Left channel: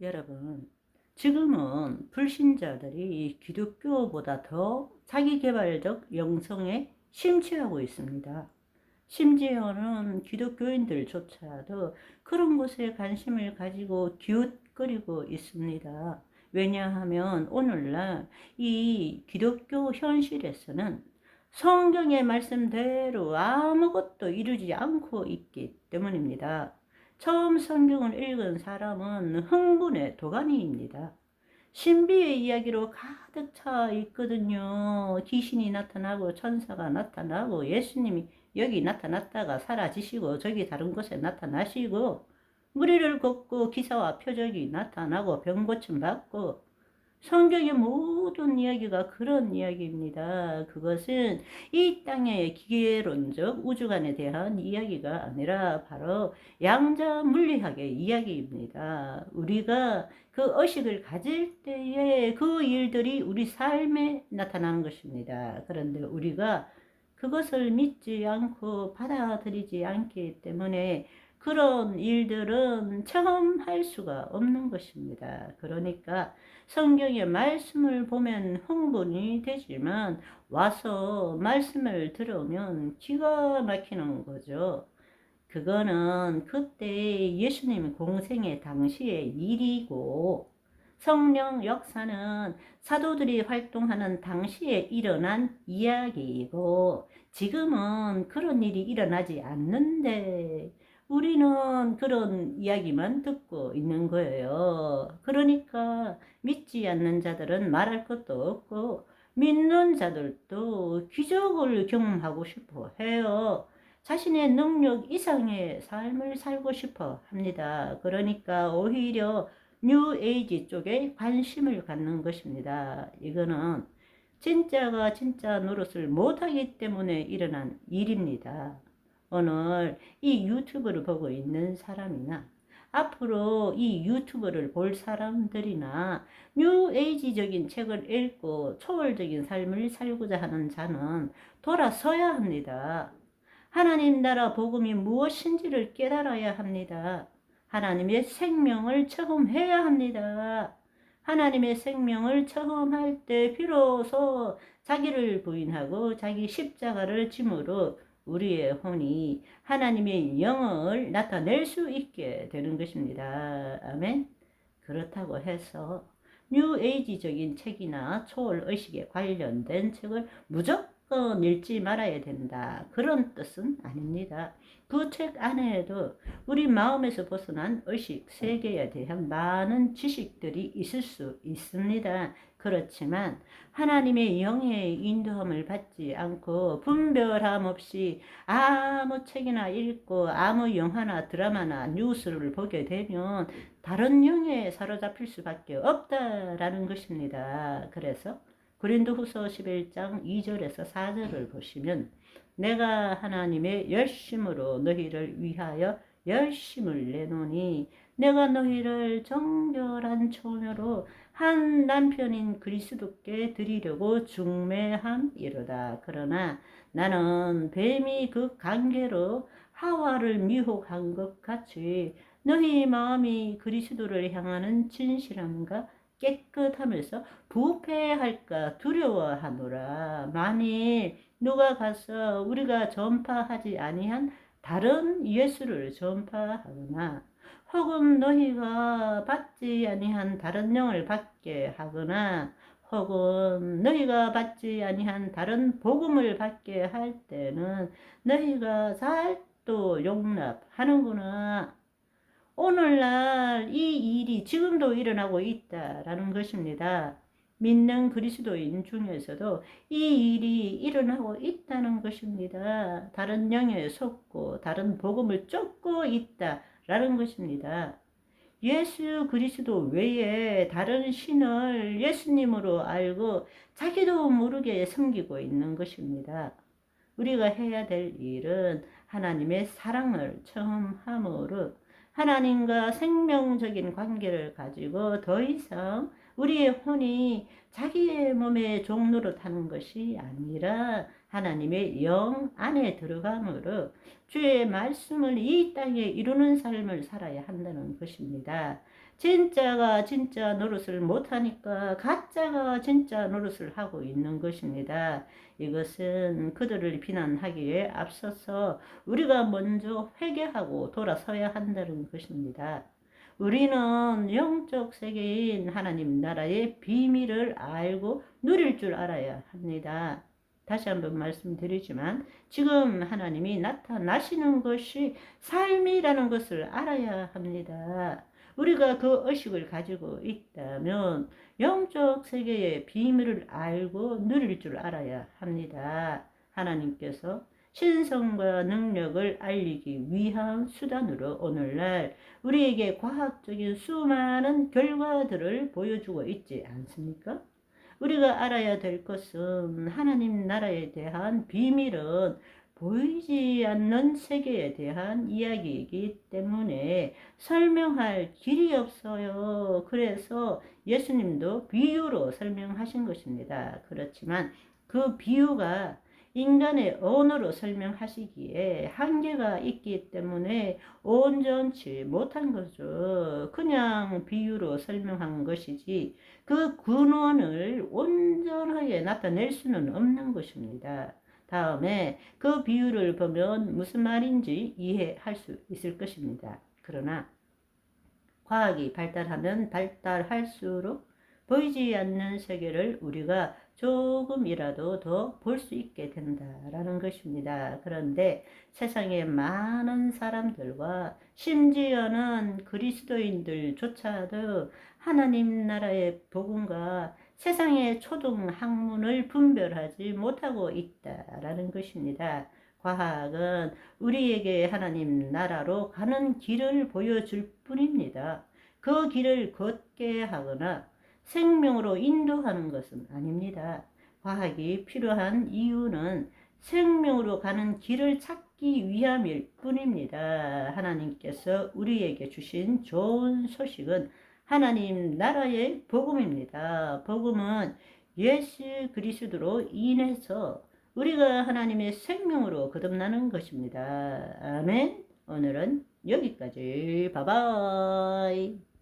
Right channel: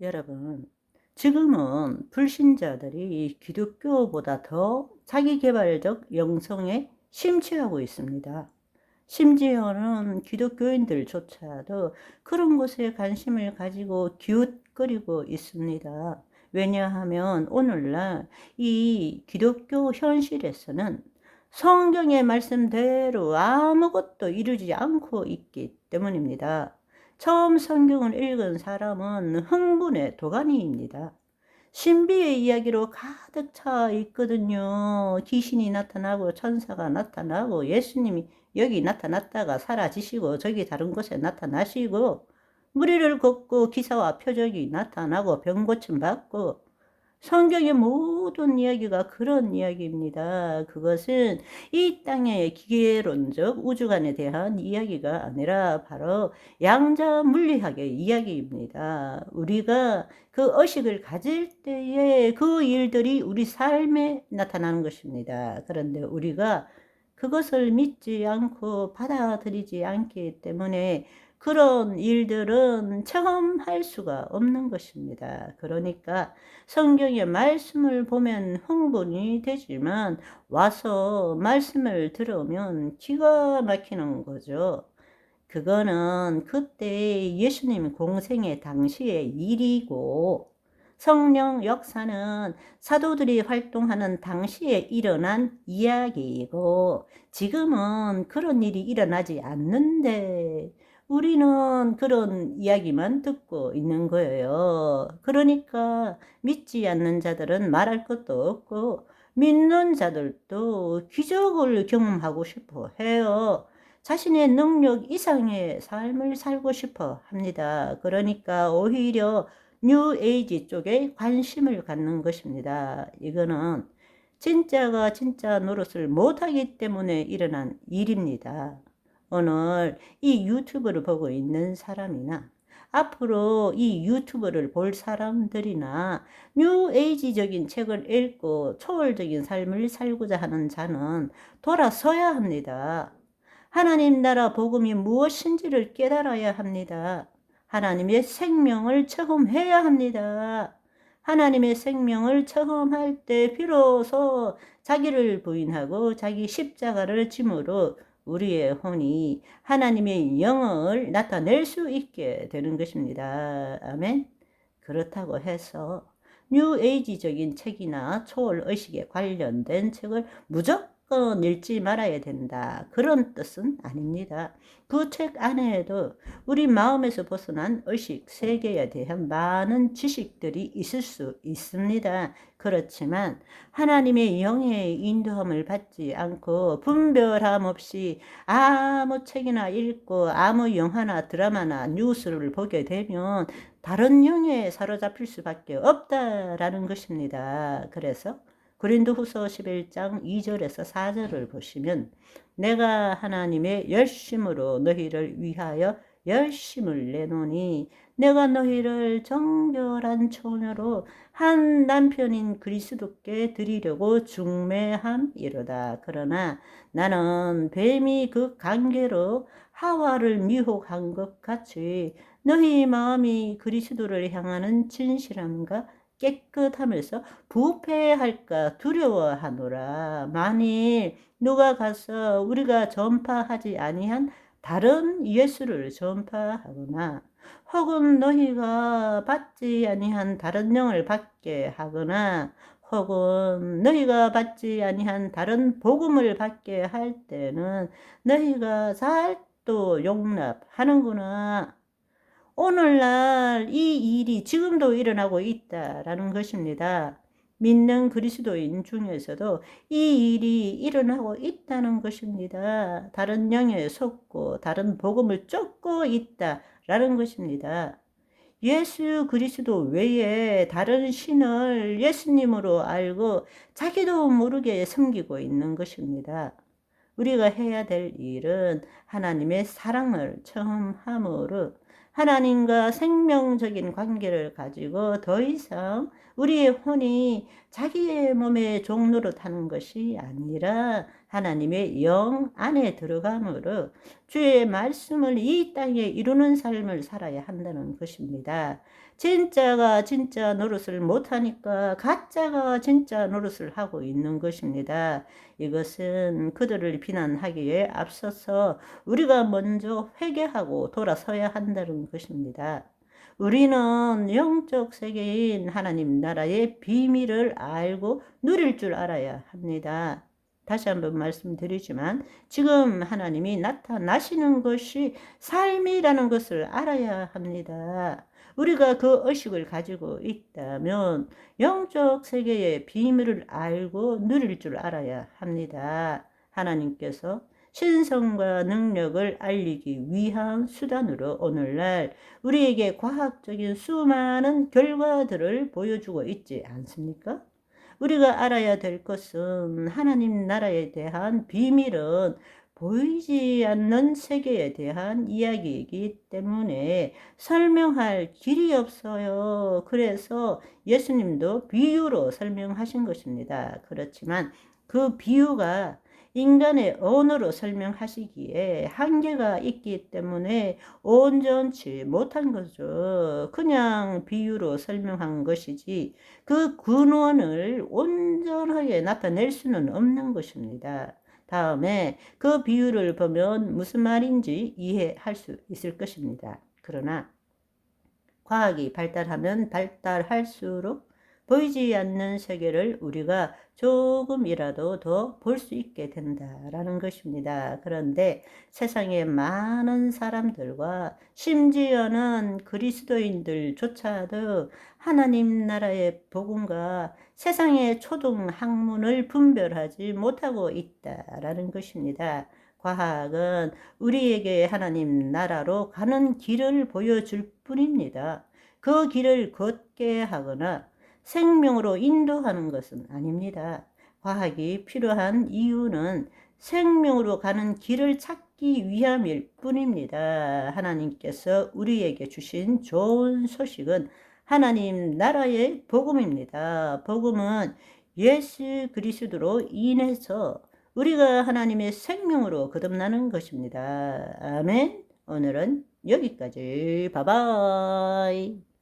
여러분, 지금은 불신자들이 기독교보다 더 자기계발적 영성에 심취하고 있습니다. 심지어는 기독교인들조차도 그런 것에 관심을 가지고 기웃거리고 있습니다. 왜냐하면 오늘날 이 기독교 현실에서는 성경의 말씀대로 아무것도 이루지 않고 있기 때문입니다. 처음 성경을 읽은 사람은 흥분의 도가니입니다. 신비의 이야기로 가득 차 있거든요. 귀신이 나타나고 천사가 나타나고 예수님이 여기 나타났다가 사라지시고 저기 다른 곳에 나타나시고 무리를 걷고 기사와 표적이 나타나고 병 고침 받고 성경의 모든 이야기가 그런 이야기입니다. 그것은 이 땅의 기계론적 우주관에 대한 이야기가 아니라 바로 양자 물리학의 이야기입니다. 우리가 그 의식을 가질 때에 그 일들이 우리 삶에 나타나는 것입니다. 그런데 우리가 그것을 믿지 않고 받아들이지 않기 때문에 그런 일들은 체험할 수가 없는 것입니다. 그러니까 성경의 말씀을 보면 흥분이 되지만 와서 말씀을 들으면 기가 막히는 거죠. 그거는 그때 예수님 공생의 당시의 일이고 성령 역사는 사도들이 활동하는 당시에 일어난 이야기이고 지금은 그런 일이 일어나지 않는데 우리는 그런 이야기만 듣고 있는 거예요. 그러니까 믿지 않는 자들은 말할 것도 없고 믿는 자들도 기적을 경험하고 싶어 해요. 자신의 능력 이상의 삶을 살고 싶어 합니다. 그러니까 오히려 뉴 에이지 쪽에 관심을 갖는 것입니다. 이거는 진짜가 진짜 노릇을 못하기 때문에 일어난 일입니다. 오늘 이 유튜브를 보고 있는 사람이나 앞으로 이 유튜브를 볼 사람들이나 뉴 에이지적인 책을 읽고 초월적인 삶을 살고자 하는 자는 돌아서야 합니다. 하나님 나라 복음이 무엇인지를 깨달아야 합니다. 하나님의 생명을 체험해야 합니다. 하나님의 생명을 체험할 때 비로소 자기를 부인하고 자기 십자가를 짐으로 우리의 혼이 하나님의 영을 나타낼 수 있게 되는 것입니다. 아멘. 그렇다고 해서 뉴에이지적인 책이나 초월의식에 관련된 책을 무조건 읽지 말아야 된다. 그런 뜻은 아닙니다. 그 책 안에도 우리 마음에서 벗어난 의식 세계에 대한 많은 지식들이 있을 수 있습니다. 그렇지만 하나님의 영의 인도함을 받지 않고 분별함 없이 아무 책이나 읽고 아무 영화나 드라마나 뉴스를 보게 되면 다른 영에 사로잡힐 수밖에 없다라는 것입니다. 그래서 고린도후서 11장 2절에서 4절을 보시면 내가 하나님의 열심으로 너희를 위하여 열심을 내노니 내가 너희를 정결한 처녀로 한 남편인 그리스도께 드리려고 중매함이로다. 그러나 나는 뱀이 그 관계로 하와를 미혹한 것 같이 너희 마음이 그리스도를 향하는 진실함과 깨끗함에서 부패할까 두려워하노라. 만일 누가 가서 우리가 전파하지 아니한 다른 예수를 전파하거나 혹은 너희가 받지 아니한 다른 영을 받게 하거나 혹은 너희가 받지 아니한 다른 복음을 받게 할 때는 너희가 잘 또 용납하는구나. 오늘날 이 일이 지금도 일어나고 있다라는 것입니다. 믿는 그리스도인 중에서도 이 일이 일어나고 있다는 것입니다. 다른 영에 속고 다른 복음을 쫓고 있다라는 것입니다. 예수 그리스도 외에 다른 신을 예수님으로 알고 자기도 모르게 섬기고 있는 것입니다. 우리가 해야 될 일은 하나님의 사랑을 체험함으로 하나님과 생명적인 관계를 가지고 더 이상 우리의 혼이 자기의 몸의 종로를 타는 것이 아니라 하나님의 영 안에 들어감으로 주의 말씀을 이 땅에 이루는 삶을 살아야 한다는 것입니다. 진짜가 진짜 노릇을 못하니까 가짜가 진짜 노릇을 하고 있는 것입니다. 이것은 그들을 비난하기에 앞서서 우리가 먼저 회개하고 돌아서야 한다는 것입니다. 우리는 영적 세계인 하나님 나라의 비밀을 알고 누릴 줄 알아야 합니다. 다시 한번 말씀드리지만 지금 하나님이 나타나시는 것이 삶이라는 것을 알아야 합니다. 우리가 그 의식을 가지고 있다면 영적 세계의 비밀을 알고 누릴 줄 알아야 합니다. 하나님께서 신성과 능력을 알리기 위한 수단으로 오늘날 우리에게 과학적인 수많은 결과들을 보여주고 있지 않습니까? 우리가 알아야 될 것은 하나님 나라에 대한 비밀은 보이지 않는 세계에 대한 이야기이기 때문에 설명할 길이 없어요. 그래서 예수님도 비유로 설명하신 것입니다. 그렇지만 그 비유가 인간의 언어로 설명하시기에 한계가 있기 때문에 온전치 못한 거죠. 그냥 비유로 설명한 것이지 그 근원을 온전하게 나타낼 수는 없는 것입니다. 다음에 그 비유를 보면 무슨 말인지 이해할 수 있을 것입니다. 그러나 과학이 발달하면 발달할수록 보이지 않는 세계를 우리가 조금이라도 더 볼 수 있게 된다라는 것입니다. 그런데 세상의 많은 사람들과 심지어는 그리스도인들조차도 하나님 나라의 복음과 세상의 초등 학문을 분별하지 못하고 있다라는 것입니다. 과학은 우리에게 하나님 나라로 가는 길을 보여줄 뿐입니다. 그 길을 걷게 하거나 생명으로 인도하는 것은 아닙니다. 과학이 필요한 이유는 생명으로 가는 길을 찾기 위함일 뿐입니다. 하나님께서 우리에게 주신 좋은 소식은 하나님 나라의 복음입니다. 복음은 예수 그리스도로 인해서 우리가 하나님의 생명으로 거듭나는 것입니다. 아멘. 오늘은 여기까지. 바이바이.